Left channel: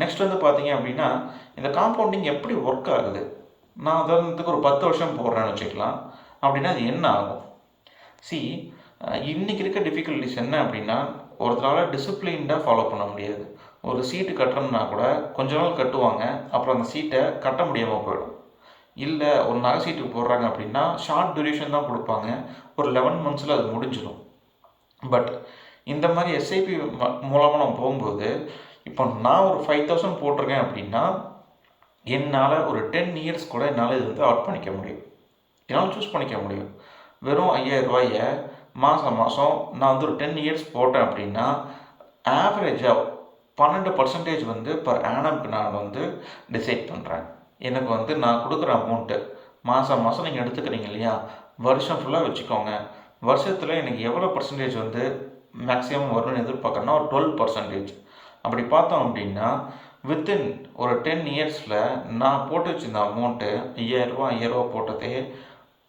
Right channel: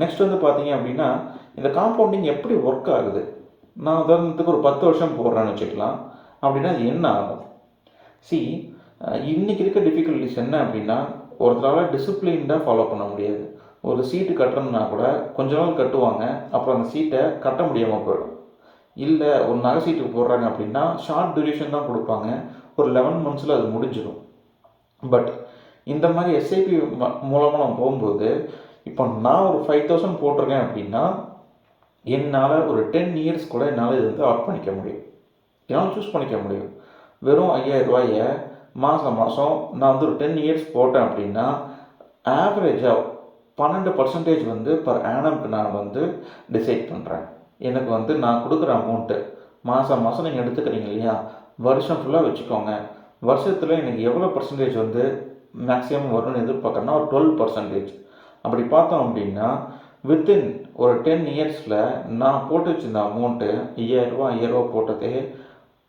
Next வந்து பார்த்தீங்க அப்படின்னா இந்த காம்பவுண்டிங் எப்படி ஒர்க் ஆகுது? நான் உதாரணத்துக்கு ஒரு பத்து வருஷம் போடுறேன்னு வச்சுக்கலாம். அப்படின்னா அது என்ன ஆகும்? சி இன்னைக்கு இருக்க டிஃபிகல்ட்டிஸ் என்ன அப்படின்னா ஒருத்தரால் டிசிப்ளின்டாக ஃபாலோ பண்ண முடியாது. ஒரு சீட்டு கட்டுறோம்னா கூட கொஞ்ச நாள் கட்டுவாங்க அப்புறம் அந்த சீட்டை கட்ட முடியாமல் போயிடும். இல்லை ஒரு நகை சீட்டு போடுறாங்க அப்படின்னா ஷார்ட் டியூரேஷன் தான் கொடுப்பாங்க. ஒரு லெவன் மந்த்ஸில் அது முடிஞ்சிடும். பட் இந்த மாதிரி எஸ்ஐபி மூலமாக நம்ம போகும்போது இப்போ நான் ஒரு ஃபைவ் தௌசண்ட் போட்டிருக்கேன் அப்படின்னா என்னால் ஒரு டென் இயர்ஸ் கூட என்னால் இது வந்து அவுட் பண்ணிக்க முடியும். என்னால் சூஸ் பண்ணிக்க முடியும். வெறும் ஐயாயிரம் ரூபாயை மாதம் மாதம் நான் வந்து ஒரு டென் இயர்ஸ் போட்டேன் அப்படின்னா ஆவரேஜாக பன்னெண்டு பர்சன்டேஜ் வந்து பர் ஆனம்க்கு நான் வந்து டிசைட் பண்ணுறேன் எனக்கு வந்து நான் கொடுக்குற அமௌண்ட்டு மாதம் மாதம் நீங்கள் எடுத்துக்கிறீங்க இல்லையா? வருஷம் ஃபுல்லாக வச்சுக்கோங்க. வருஷத்தில் எனக்கு எவ்வளோ பர்சன்டேஜ் வந்து மேக்ஸிமம் வரும்னு எதிர்பார்க்குறேன்னா ஒரு டுவெல் பர்சன்டேஜ் அப்படி பார்த்தோம் அப்படின்னா வித்தின் ஒரு டென் இயர்ஸில் நான் போட்டு வச்சிருந்த அமௌண்ட்டு ஐயாயிரரூபா ஐயாயிரரூபா போட்டதே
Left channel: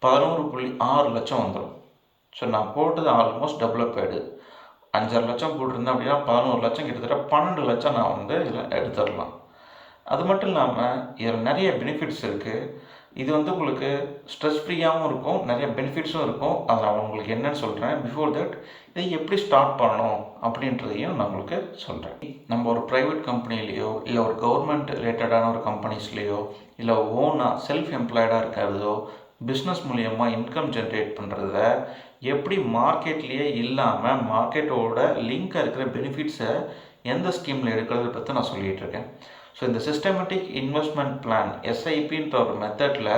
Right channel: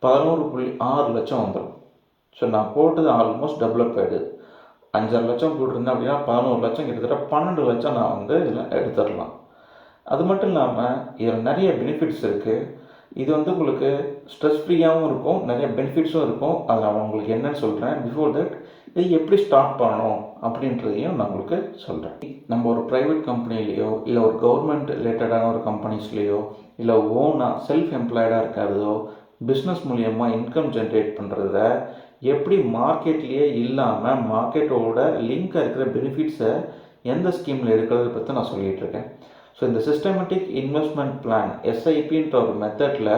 பதினோரு புள்ளி ஆறு லட்சம் வந்துடும் ஸோ நான் போட்டது ஆல்மோஸ்ட் டெவலப் ஆகிடுது அஞ்சாறு லட்சம் போட்டிருந்தேன் அப்படின்னா பதினோரு லட்சம் கிட்டத்தட்ட பன்னெண்டு லட்சம் நான் வந்து இதில் எடுத்துடலாம். அது மட்டும் இல்லாமல் இதில் நிறைய பெனிஃபிட்ஸ் இருக்குது இது வந்து உங்களுக்கு ஸ்ட்ரெஸ் ஃப்ரீயாகவும் இருக்கும் நிறைய பெனிஃபிட்ஸும் இருக்கும். அதை நான் உங்களுக்கு என்னன்னு சொல்கிறேன் பிஃபோர் தட் இதை எப்படி ஸ்டார்ட் பண்ணணும் அப்படின்றதையும் நான் உங்களுக்கு சொல்கிறேன் நம்ம ஒரு ப்ரைவேட் கம்பெனிலேயோ இல்லை ஒரு கவர்மெண்ட் ரிலேட்டடான ஒரு கம்பெனிஸ்லேயோ இல்லை ஓனாக செல்ஃப் எம்ப்ளாய்டாக இருக்கிறதோ பிஸ்னஸ் மூலியமாக இன்கம் ஜென்ரேட் பண்ணுறத எப்படி மார்க்கெட்லேயே இல்லாமல் மார்க்கெட்டோட லிங்காக இருக்கிற பெனிஃபிட்ஸை எந்த ஸ்கீமில் எடுக்கிறத பற்றி நான் சொல்லிகிட்டு இருக்கேன். ஸோ இந்த சிஸ்டமேட்டிக் இன்வெஸ்ட்மெண்ட் பிளான் எஸ்ஐபின்ற ஒரு மெத்தடில்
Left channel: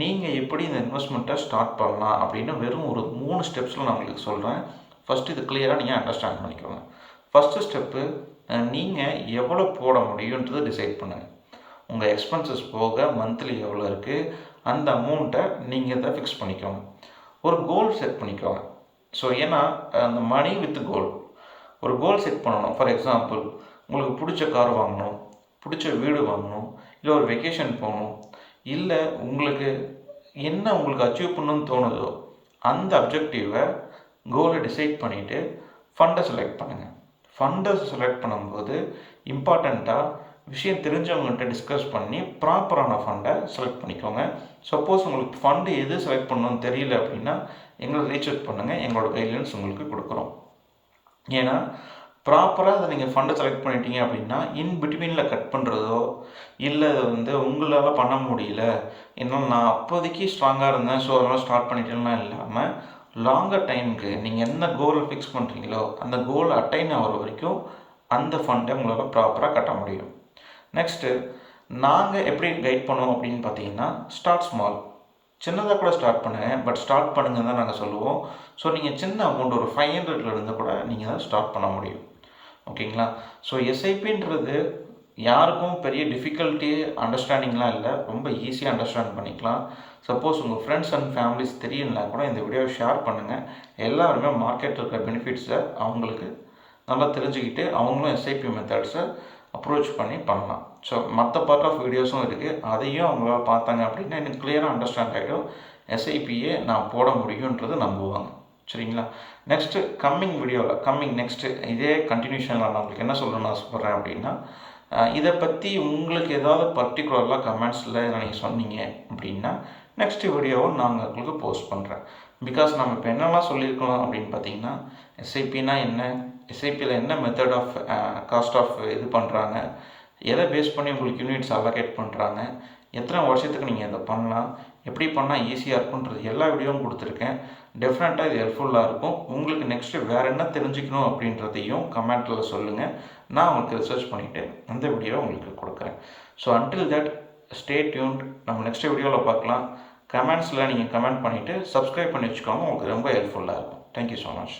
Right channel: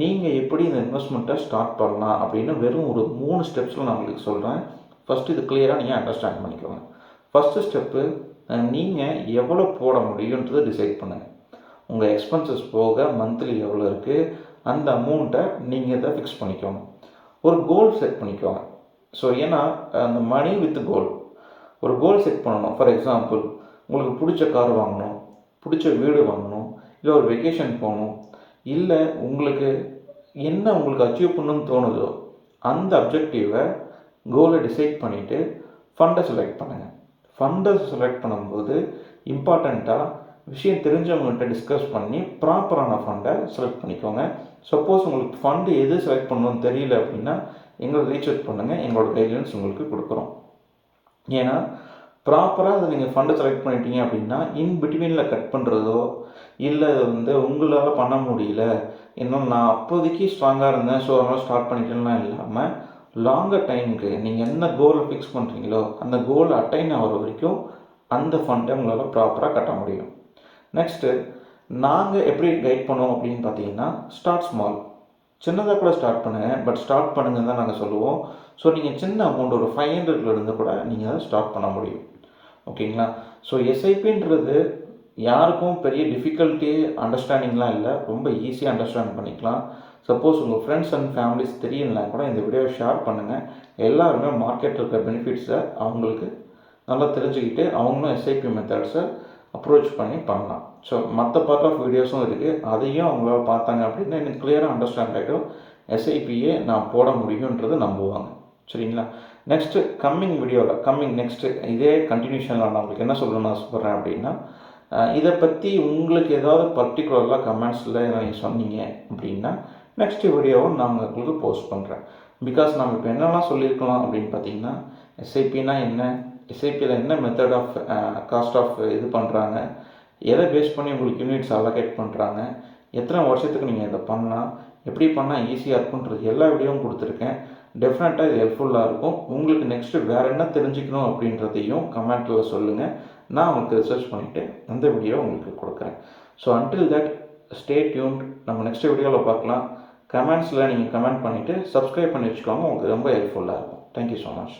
நீங்கள் எப்படி இந்த இன்வெஸ்ட்மெண்ட்டை ஸ்டார்ட் பண்ணலாம் அப்படின்னு வெறும் ஒரு மூணு ஸ்டெப்ஸில் நான் உங்களுக்கு சொல்கிறேன் ஃபஸ்ட்டு இது கிளியராக நீங்கள் அண்டர்ஸ்டாண்ட் பண்ணிக்கோங்க. ஃபஸ்ட்டு ஸ்டெப்பு நீங்கள் எவ்வளோ போட முடியுன்றதை டிசைட் பண்ணுங்கள் உங்கள் எக்ஸ்பென்சஸ் போக மந்த்லி எவ்வளோ இருக்குது அந்த அமௌண்ட்டை நீங்கள் தான் ஃபிக்ஸ் பண்ணிக்கோங்க. ஒரு கோல் செட் பண்ணிக்கோங்க. ஸோ ஏன்னா அந்த மணி வித் கோல் ஒரு கோல் செட் பண்ணணும். ஃபார் எக்ஸாம்பிள் உங்களுக்கு பிடிச்ச கார் வாங்கணும். பிடிச்ச வீடு வாங்கணும் இல்லை ஒரு வெக்கேஷன் போகணும் இல்லை உங்களுக்கு என்ன உங்களுக்கு அச்சீவ் பண்ணணும்னு தோணுதோ அந்த அப்ஜெக்டிவை கோலை டிசைட் பண்ணிவிட்டு ஃபண்டை செலக்ட் பண்ணுங்கள் ஃபண்டை செலக்ட் பண்ணும்போது இம்பார்ட்டண்ட்டாக விஷயம் தெரிஞ்சவங்ககிட்ட டிஸ்கஸ் பண்ணி ப்ராப்பரான ஃபண்டை செலக்ட் பண்ணிக்கோங்க. சப்போஸ் உங்களுக்கு ஃபண்டு எது செலக்ட் பண்ணணும்னு தெரியல அப்படின்னா எங்களை ரீச் அவுட் பண்ணுங்கள் எங்களோட கைட்லைன்ஸ் உங்களுக்கு கொடுக்குறோம். ஏன்னா ப்ராப்பராக அதை நீங்கள் ஃபண்டை செலக்ட் பண்ணிட்டீங்க அப்படின்னா இன் பிட்வீனில் கட் பண்ணுறதோ இல்லை அதை வந்து உங்களால் பண்ண முடியல இன்னும் நான் அப்போதைக்கு ஸ்ட்ராங்காக இருந்தேன் ஸோ அதனால் ஸ்டார்ட் பண்ணிட்டேன்லாம் இல்லாமல் லாங்கர் டைமுக்கு நீங்கள் என்ன கோலை ஃபிக்ஸ் பண்ணுறீங்களோ அந்த கோலை அட்டைன் ஆகிற வரைக்கும் அந்த ஃபண்டை உங்களால் ப்ராப்பராக கட்ட முடியும். நெக்ஸ்ட்டு நாங்கள் எப்படி கைட் பண்ணுவோம் அப்படின்னு பார்த்தீங்கன்னா ஸ்டார்ட் ஸ்மால் சின்னதாக கூட ஸ்டார்ட் பண்ணுங்கள் பட் ஸ்டார்ட் பண்ணுங்கன்னு தான் நாங்கள் சொல்லுவோம். ஸோ நீங்கள் சின்ன அமௌண்ட் ஒரு ஃபைவ் ஹண்ட்ரட்லேருந்து கூட நீங்கள் அதை ஸ்டார்ட் பண்ண முடியும். ஓகேங்களா? ஸோ எஸ்ஐபின்றது யாருக்கும் பெரிய டிஃபிகல்ட்டி அண்டர்ஸ்டாண்டிங்லாம் இல்லை. ரொம்ப ஈஸியாக அண்டர்ஸ்டாண்ட் பண்ணிக்கலாம். சப்போஸ் உங்கள் ஃப்ரெண்ட்ஸ் அண்ட் ஃபேமிலிஸ் தெரியலனா கூட இந்த வீடியோவை ஷேர் பண்ணுங்கள் எல்லாருமே மார்க்கெட்டில் இருக்கிற பெனிஃபிட்ஸை அவங்களுக்கு நல்லா தெரிஞ்சுக்கிட்டு அவங்களும் எஸ்ஐபி மெத்தட்ஸை அப்ரோச் பண்ணி பண்ணலாம். ஸோ மற்ற பார்ட் ஆஃப் வீடியோஸும் இருக்குது அதையும் அவங்களால பார்த்தாங்க அப்படின்னா எனக்கு கிளியராக அண்டர்ஸ்டாண்ட் ஆகிடும் எஸ்ஐபியே நான் போட முடியுன்றது நம்புவாங்க. சரிங்களா? நெக்ஸ்ட்டு கம்மிங் வீடியோவில் கம்மிங் நெக்ஸ்ட்டு இதே கண்டினியூஷனில் நான் உங்களுக்கு என்ன சொல்லணும்னு ஆசைப்பட்றேன் அப்படின்னா இதை பற்றி உங்களுக்கு ஏதாவது பர்டிகுலராக கமெண்ட்ஸில் நீங்கள் சொன்னீங்க அப்படின்னா நெக்ஸ்ட் வீடியோவை நான் உங்களுக்கு போஸ்ட் பண்ணுறேன் பிகாஸ் நம்ம இப்போ என்னெல்லாம் சொல்லியிருக்கோம் அப்படின்னு பார்த்தீங்கன்னா எஸ்ஐபினா என்ன? எஸ்ஐபியில் என்ன மெத்தட் ஆஃப் காஸ்ட் ஆஃப் இது பண்ணுறாங்க எதை பேஸ் பண்ணி உங்களுக்கு யூனிட்ஸ் அலோகேட் பண்ணுறாங்க எத்தனை வருஷத்துக்கு நீங்கள் இதை பண்ணலாம்? எப்படி பண்ணால் ஈஸியாக இருக்குன்றது எல்லா வீடியோவும் கொடுத்துருக்கேன். டெஃபினட்டாக இது ஹெல்ப்ஃபுல்லாக இருக்கும். உங்களுக்கு நெக்ஸ்ட்டு வேறு என்ன தெரிஞ்சுக்கணும் அப்படின்றதையும் கமெண்ட்டில் சொல்லுங்கள் நான் உங்களுக்கு ரிசர்ச் பண்ணிவிட்டு அந்த வீடியோவை உங்களுக்கு கொடுக்குறேன். So until that stay tuned நம்ம நெக்ஸ்ட் வீடியோவில் பார்க்கலாம். கமெண்ட்ஸில் நீங்கள் கமெண்ட் பண்ணிவிட்டு சப்ஸ்கிரைப் பண்ணி வச்சுக்கோங்க. உங்களுக்கு ரொம்ப ஹெல்ப்ஃபுல்லாக இருக்கும். Thank you so much